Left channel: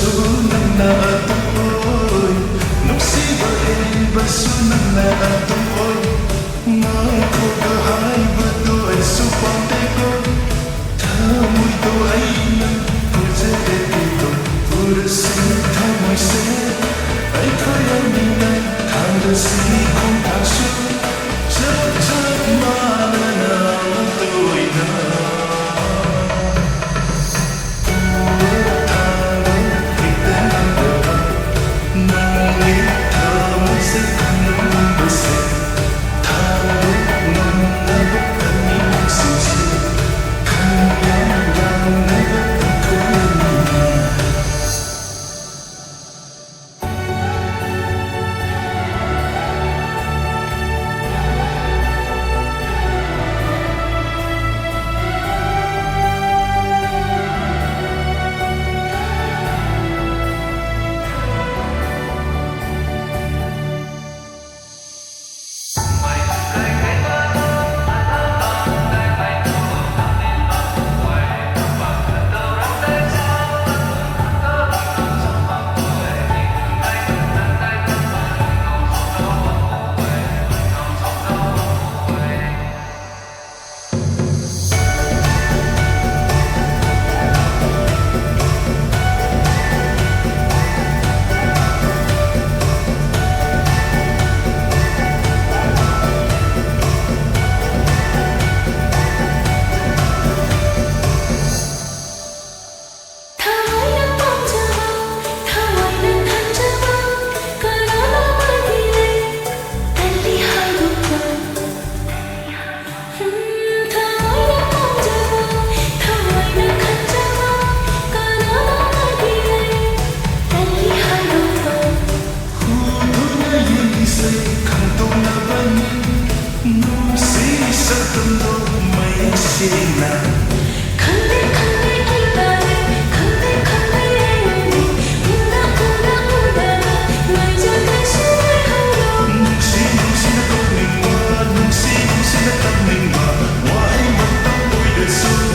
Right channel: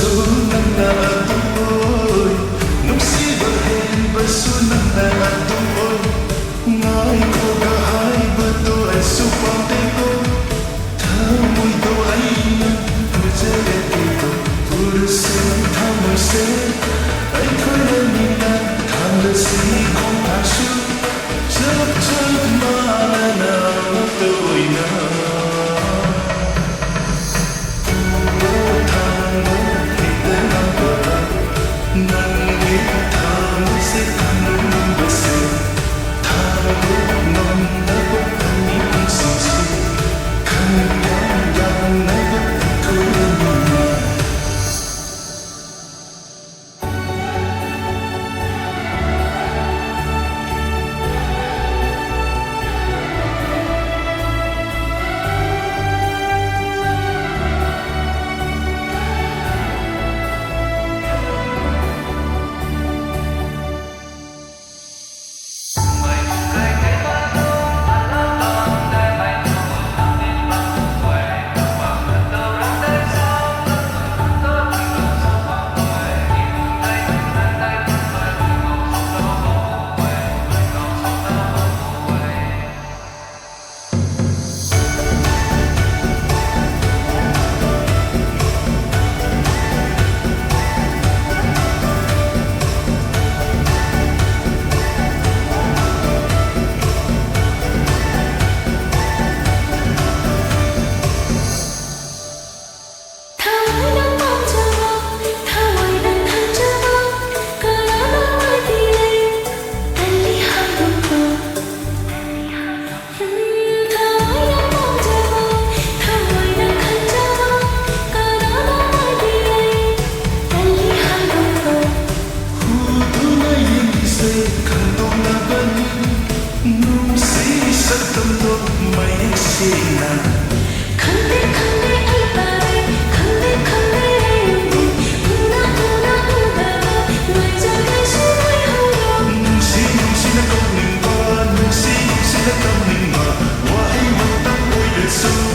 su nang na atum oi nung si ba hen ba su nang na atum oi ngai ko ga hai ba do ai su pam te ko tha mui do ai nang pu je de ti do pur se tha mui se ai thoi ra ni na tham de si khom tha su chap chap ma na na to oi na Hãy subscribe cho kênh Ghiền Mì Gõ để không bỏ lỡ những video hấp dẫn.